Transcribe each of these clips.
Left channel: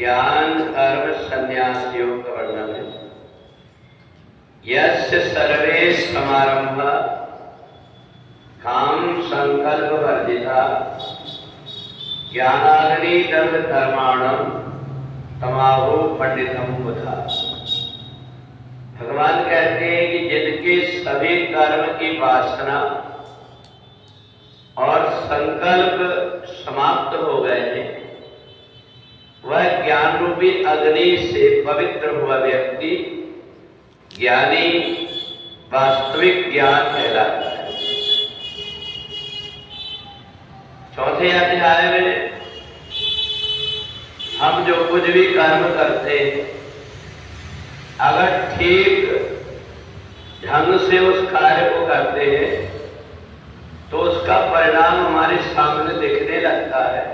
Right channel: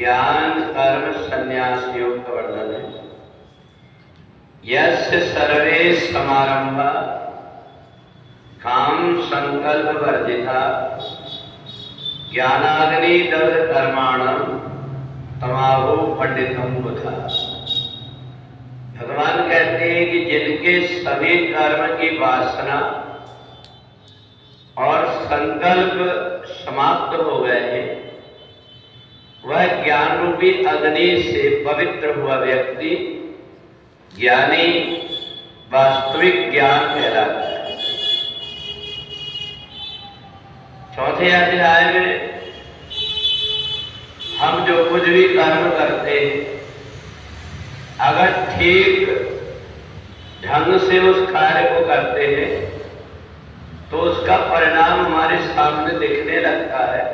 ज्ञान कर्म संन्यास योग का वर्णन है। यस्य सर्वे समारंभ काम संकल्प वर्जिता ज्ञानाग्नि दग्ध कर्माणम तमाहु पंडितम बुधा। भगवान कहते हैं कि जिनके सभी कर्म की वासना और संकल्प समाप्त हो गए हैं, वह ज्ञान रूपी अग्नि से पवित्र हुआ व्यक्ति ज्ञानी वास्तविक ज्ञान कहलाता है। चौथे अध्याय में हम जो कुछ भी कर्म करते हैं, अगर ठीक ढंग से उस कार्य को करते हैं तो उसका परिणाम हमारे सामने दिखने लगता है।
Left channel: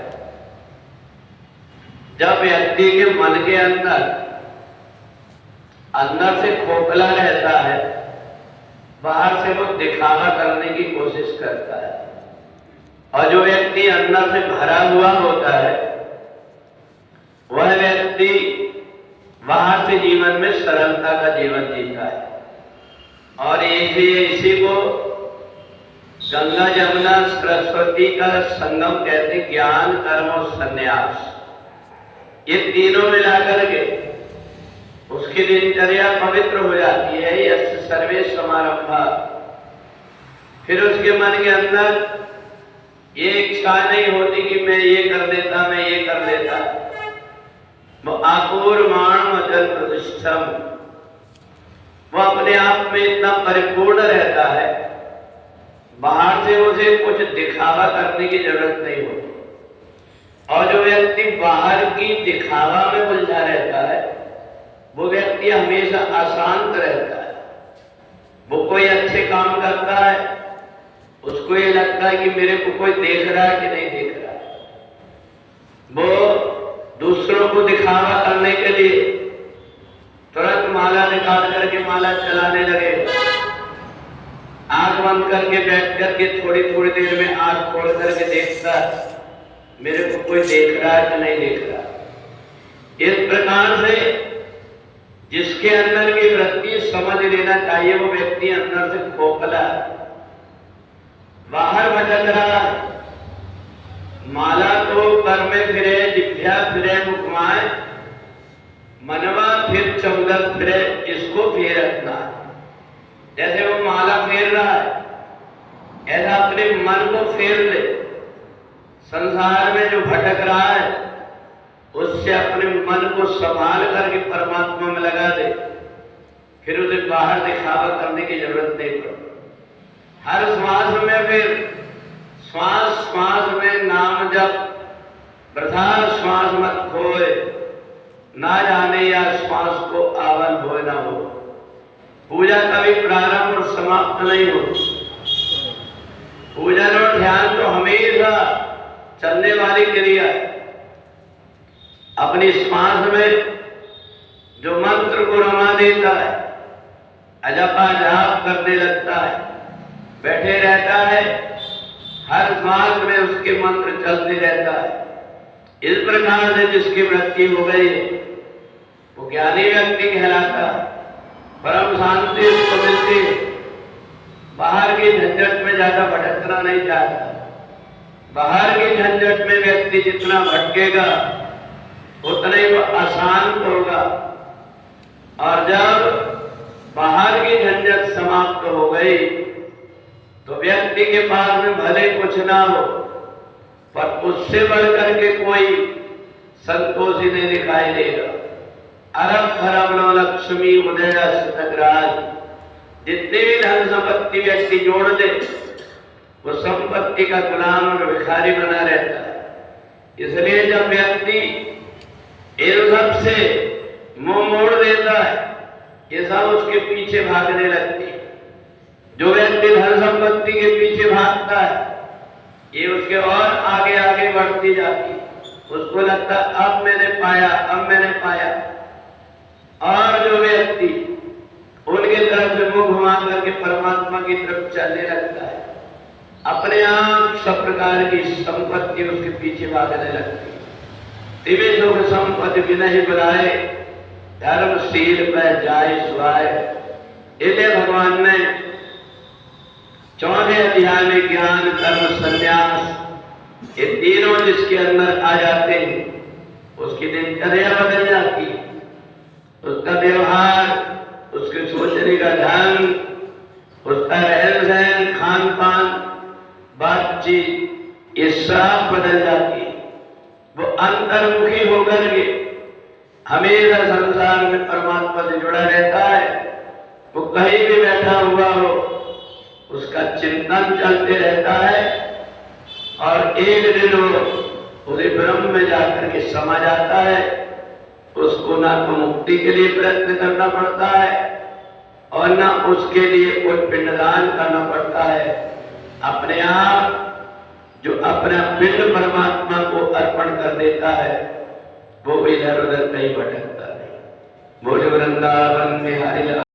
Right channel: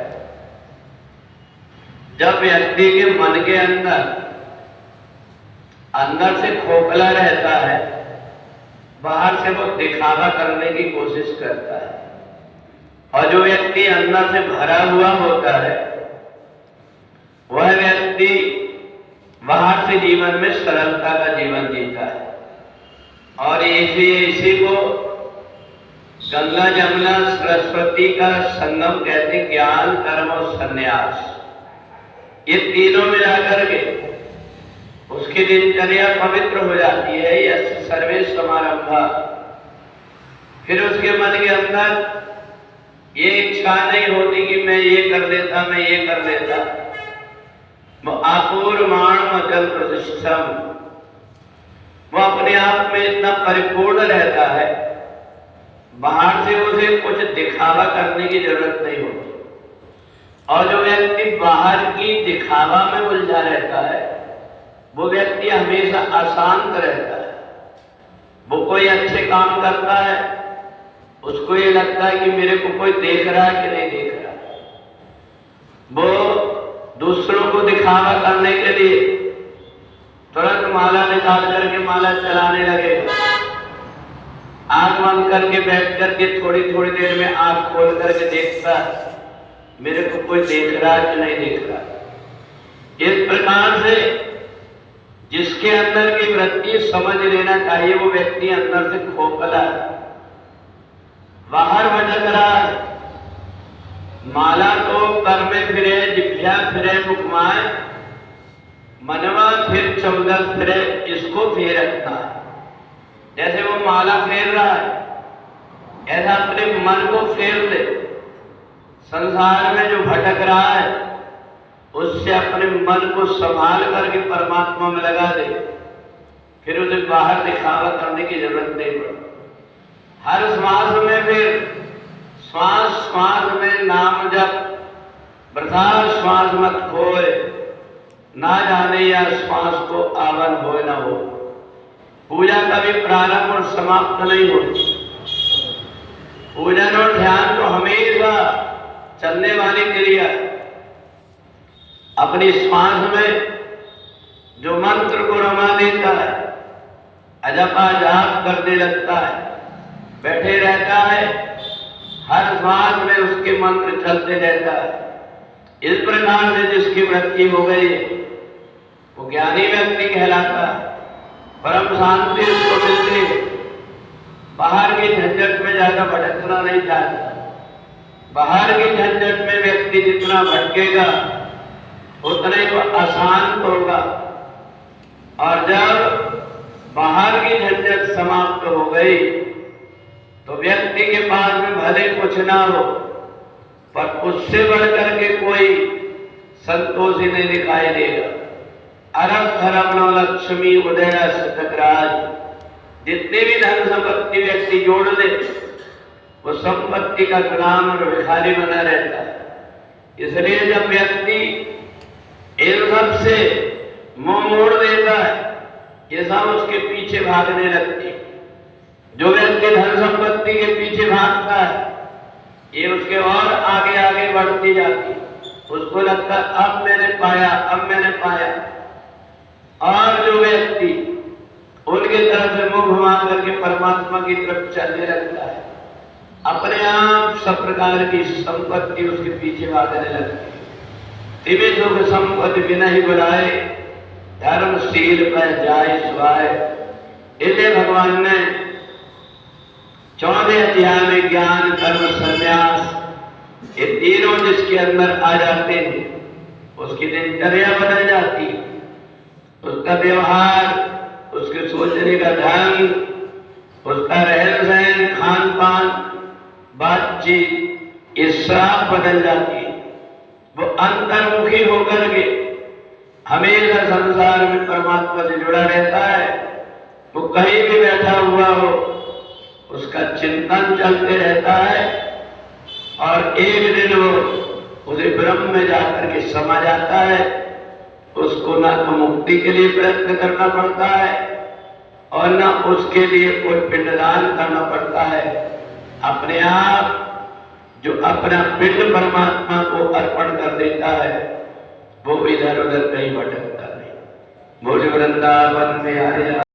जब व्यक्ति के मन के अंदर से खोखला रहता है, बाहर से वो दिखावा करने की कोशिश करता है, और जो व्यक्ति अंदर से भरा हुआ होता है वह व्यक्ति बाहर से जीवन में सरलता का जीवन जीता है। और इसी को गंगा जमुना सरस्वती का संगम कहते, ज्ञान कर्म और संन्यास। ये तीनों मिलाकर के उसकी दिनचर्या पवित्र हो जाती है। यह सर्वे समारंभा। फिर उसके मन के अंदर ये इच्छा नहीं होती कि मैं ये कर देता, मैं ये कर देता। आपूर्वाण मजल प्रतिष्ठम, वो अपने आप में इतना परिपूर्ण रहता है, बाहर से उसे कुछ दिखावा करने की जरूरत नहीं होती। और जो व्यक्ति बाहर की दिखावा में उलझा रहता है, वो व्यक्ति हमेशा अशांत रहता है। वो कोई अच्छे काम करता है, उसको ये लगता है कि मेरे को कोई देख रहा है कि नहीं देख रहा है। वो दूसरों को दिखावा करने के लिए तुरंत माला निकाल करके माला चलाने लगेगा। आंख बंद करके बैठ करके थोड़ी थोड़ी देर में आंख खोल करके देखता है मेरे को कोई देख रहा है कि नहीं देख रहा। इस प्रकार से जिसके अंदर की वृत्ति समझ लेना चाहिए, वो व्यक्ति अंदर से खोखला है, बाहर भटक रहा है। माला तो कर में फिरे, जिभ्या फिरे मुखमाय, मनवा फिर चौदस फिरे, इसको फेर रखना है। जैसे वो माला फेर रहा है, ऐसा अपने मन को फेर ले। संसार में जो भटक रहा है उससे अपने मन को संभाल करके परमात्मा में लगा दे, फिर उसे बाहर दिखावा करने की जरूरत नहीं पड़ती। हर श्वास में फिर श्वास श्वास में नाम जप, वृथा श्वास मत खोए, ना जाने या श्वास को आवन हो न हो। पूजा कभी प्रारंभ और समाप्त नहीं हो। पूजन और ध्यान तो हमेशा चलने वाली क्रिया। अपनी श्वास में जो मंत्र को रमा देता है, अजपा जाप करने लगता है, बैठे रहता है, हर श्वास में उसके मंत्र चलते रहता है। इस प्रकार से जिसकी वृत्ति हो गई वो ज्ञानी व्यक्ति कहलाता है। परम शांति उसको मिलती है। बाहर की झंझट में ज्यादा भटकना नहीं चाहता। बाहर की झंझट में व्यक्ति जितना भटकेगा उतना ही वो अशांत होगा। और जब बाहर की झंझट समाप्त हो गई तो व्यक्ति के पास में भले कुछ ना हो, पर उससे बढ़कर के कोई संतोष ही नहीं दिखाई देगा। अरब खरब लक्ष्मी उदय सतराज, जितने भी धन संपत्ति व्यक्ति जोड़ ले, वो संपत्ति का गुलाम और भिखारी बना रहता है। इसलिए जब व्यक्ति इन सब से मुंह मोड़ देता है, ये सब उसके पीछे भागने लगती है। जो व्यक्ति धन संपत्ति के पीछे भागता है, ये उसके और आगे आगे बढ़ती जाती है। उसको लगता है अब मैंने पाया, अब मैंने पाया। और जो व्यक्ति उनके तरफ से मुंह घुमा करके परमात्मा की तरफ चलने लगता है, अपने आप सब प्रकार की संपत्ति उसके पीछे भागने लगती है। दिव्य सुख संपत्ति विनहि बुलाए, धर्मशील में जाय सुहाए। इसलिए भगवान ने 14वें अध्याय में ज्ञान कर्म संन्यास ये तीनों जिसके अंदर आ जाते हैं उसकी दिनचर्या बदल जाती है, उसका व्यवहार, उसके सोचने का ढंग, उसका रहन सहन, खान पान, बातचीत ये सब बदल जाती है। वो अंतर्मुखी होकर के हमेशा संसार में परमात्मा से जुड़ा रहता है। वो कहीं भी बैठा हुआ हो उसका चिंतन चलते रहता है और एक दिन वो उसे ब्रह्म में जाकर के समा जाता है। उसको ना तो मुक्ति के लिए प्रयत्न करना पड़ता है और ना उसके लिए कोई पिंडदान करना पड़ता है। अपने आप जो अपना पिंड परमात्मा को अर्पण कर देता है वो इधर उधर कहीं भटकता नहीं। बोल वृंदावन में हरि